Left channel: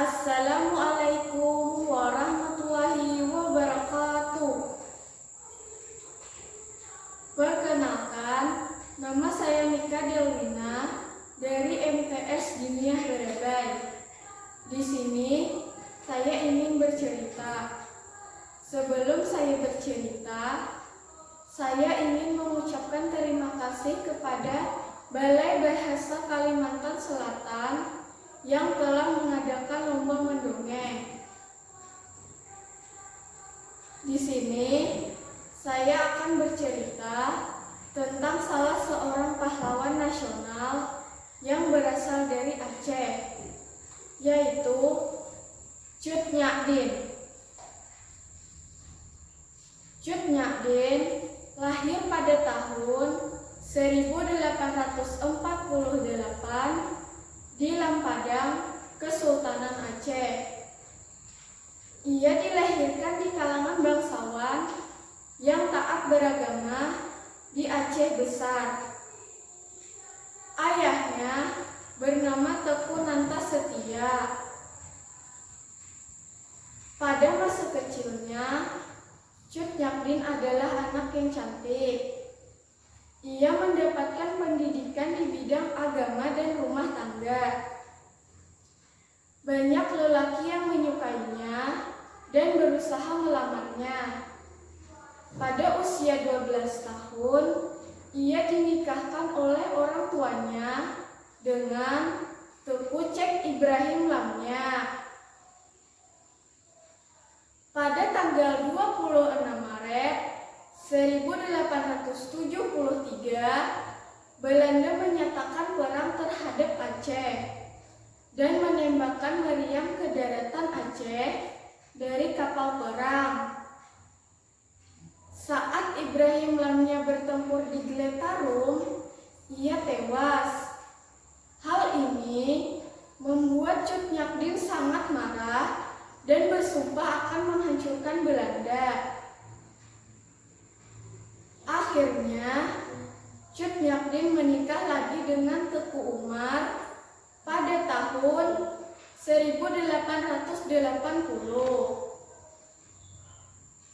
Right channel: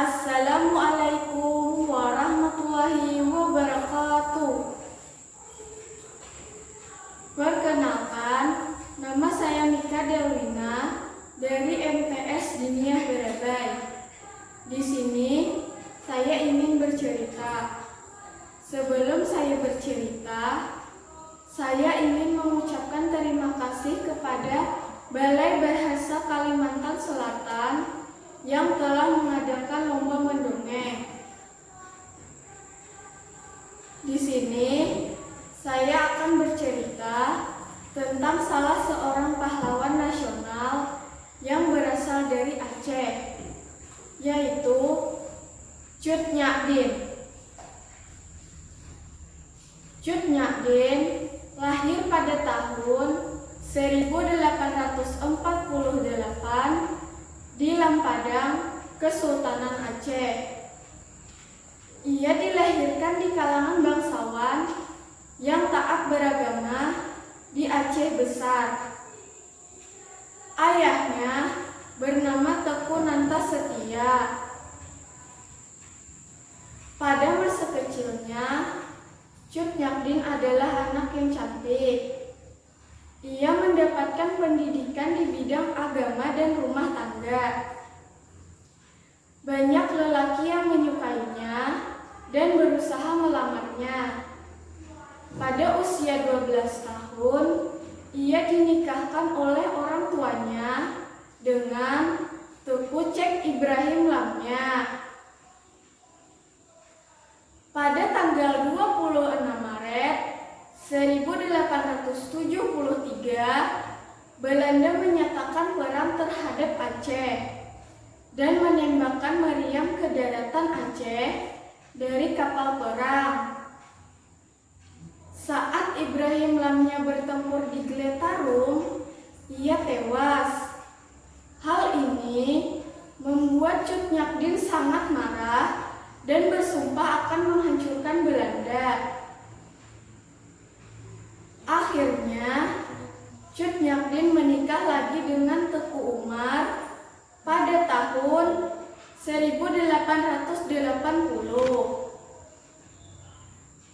Assalamualaikum warahmatullahi wabarakatuh. Perkenalkan, nama saya Mika Delwina dari MTS Diniyah Barabai. Di sini saya ingin bercerita. Sebelum saya bercerita, saya ingin mengucapkan terima kasih kepada Balai Bahasa Kalimantan Selatan yang telah mengadakan lomba mendongeng. Di sini saya akan bercerita tentang salah seorang pahlawan nasional yang berasal dari Aceh, yaitu Cut Nyak Dien. Cut Nyak Dien lahir pada tahun 1848 di Lampadang, Kesultanan Aceh. Ia dilahirkan di kalangan bangsawan yang taat beragama di Aceh Besar. Ayahnya bernama Teku Nantasetia. Pada masa kecilnya, Cut Nyak Dien adalah anak yang cantik. Ia mendapatkan pendidikan di bidang agama dan rumah tangga. Banyak lelaki yang menyukainya dan berusaha melamarnya. Pada usia 12 tahun, ia dinikahkan oleh orang tuanya dengan Teku Cek Ibrahim Lamnya. Pada tanggal 26 Maret 1873, Belanda menyatakan perang terhadap Aceh dan menembakkan meriam ke daratan Aceh dari kapal perang. Saat Ibrahim Lamnya bertempur di Gletarum, ia tewas. Hal ini membuat Cut Nyak Dien sangat marah dan bersumpah akan menghancurkan Belanda. Akhirnya, Cut Nyak Dien menikah lagi dengan Teku Umar pada tahun 1880.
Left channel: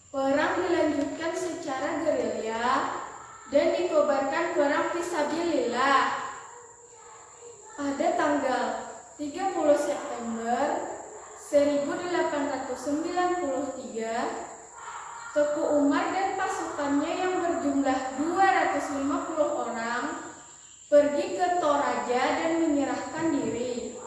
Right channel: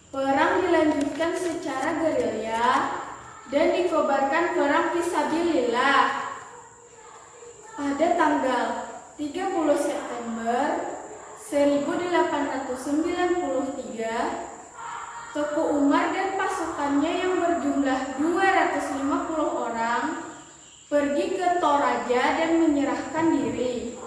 Perang dilanjutkan secara gerilya dan dikobarkan perang fisabilillah. Pada tanggal 30 September 1893, Teku Umar dan pasukannya yang berjumlah 250 orang pergi ke Toraja dan menyerahkan diri.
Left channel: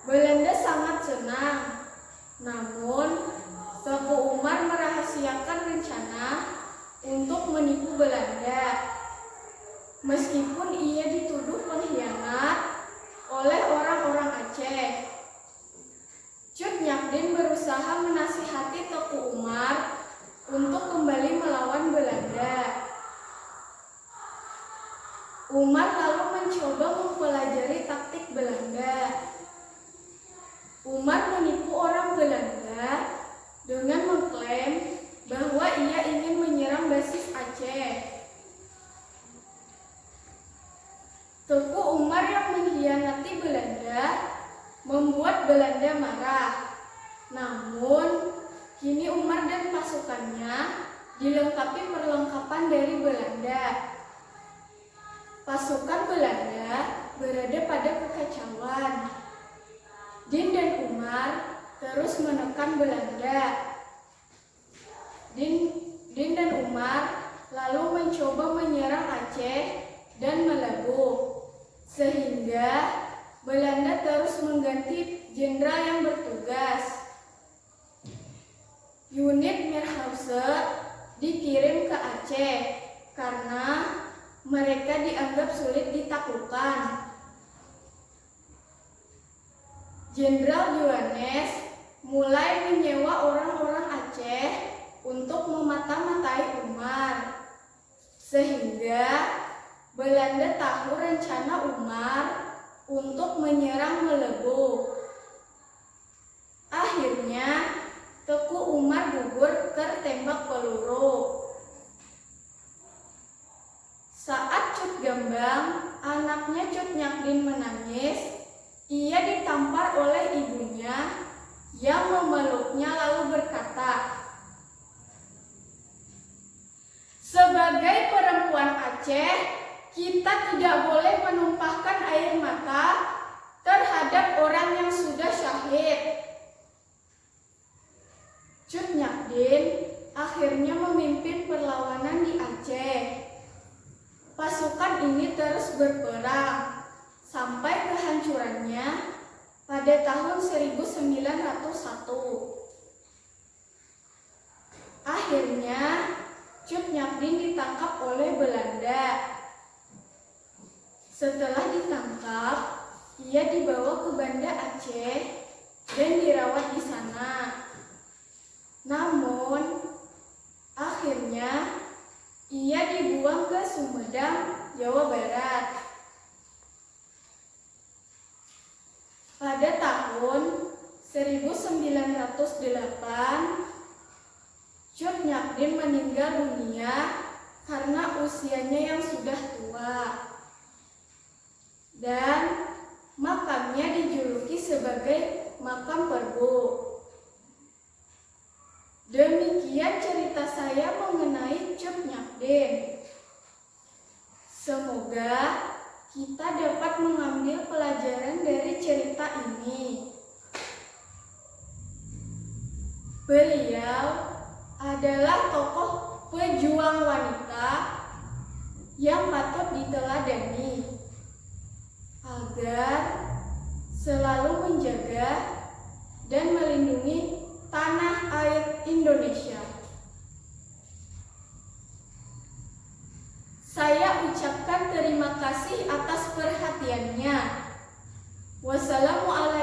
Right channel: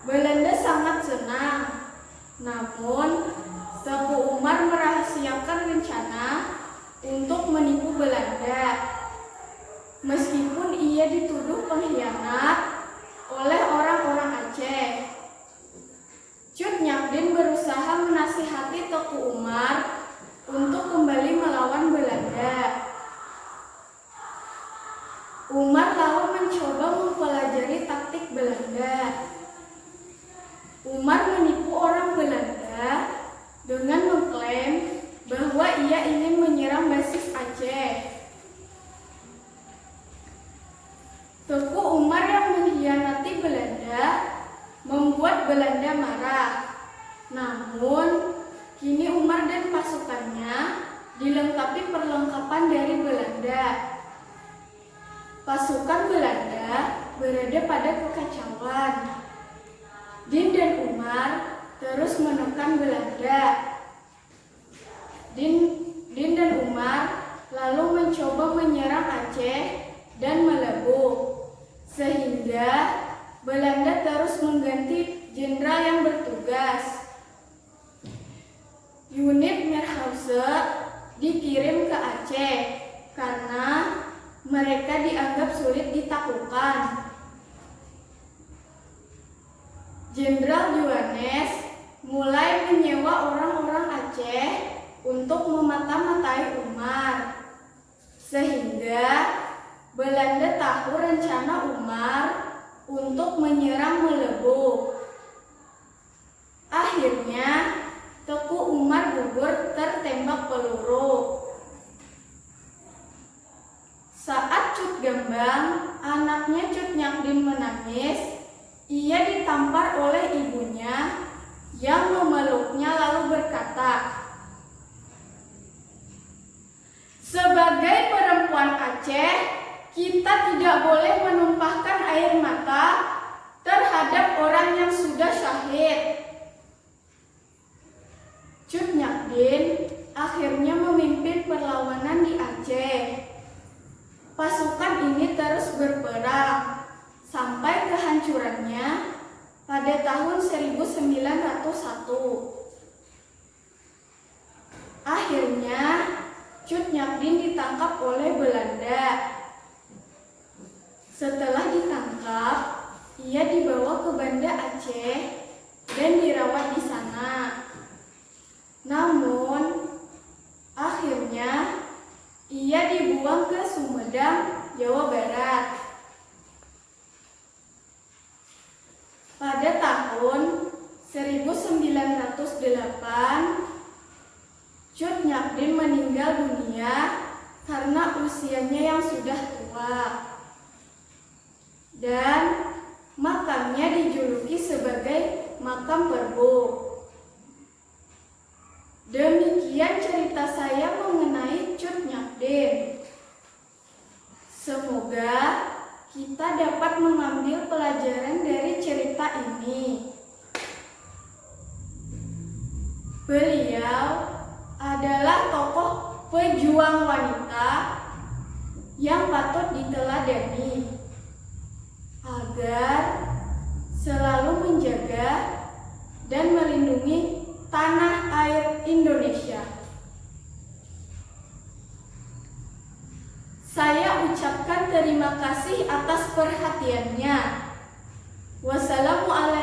Belanda sangat senang, namun Teku Umar merahasiakan rencana untuk menipu Belanda. Meskipun ia dituduh pengkhianat oleh orang-orang Aceh, Cut Nyak Dien berusaha menasihati Teku Umar untuk kembali melawan Belanda. Umar lalu mencoba mempelajari taktik Belanda. Umar menipu orang Belanda dengan mengklaim bahwa ia ingin menyerang basis Aceh. Teku Umar yang mengkhianati Belanda membuat Belanda marah. Namun, kini Umar dan pasukannya dilengkapi perlengkapan dari Belanda. Pasukan Belanda berada pada kekacauan. Dien dan Umar terus menekan Belanda. Dien dan Umar lalu mencoba menyerang Aceh dan Melembu, sehingga Belanda terus mengganti jenderal yang bertugas. Unit Meerhause dikirim ke Aceh karena mereka dianggap sulit ditaklukkan. Jenderal Juanes mulai menyewa orang-orang Aceh untuk memata-matai Umar, sehingga Belanda tahu rencana Umar untuk menyerang Melembu. Akhirnya, Teku Umar gugur tertembak peluru. Saat Cut Gambang, anaknya Cut Nyak Dien menangis, ia ditampar oleh ibunya yang memeluknya lalu berkata, "Sebagai perempuan Aceh, kita tidak boleh menumpahkan air mata terhadap orang yang sudah syahid." Cut Nyak akhirnya memimpin perlawanan di Aceh. Pasukan ini terus berperang sampai kehancurannya pada tahun 1901. Akhirnya Cut Nyak ditangkap oleh Belanda. Setelah ditangkap, ia dibawa ke Banda Aceh dan dirawat di sana. Namun, akhirnya ia dibuang ke Sumedang, Jawa Barat. Pada tahun 1908, Cut Nyak meninggal dunia karena usianya yang sudah tua. Dan makamnya dijuluki sebagai makam Perbo. Demikian cerita saya mengenai Cut Nyak. Semoga kita dapat mengambil pelajaran dari cerita ini. Beliau adalah tokoh pejuang wanita yang patut diteladani agar selalu menjaga dan melindungi tanah air Indonesia. Saya ucapkan terima kasih atas perhatiannya. Wassalamualaikum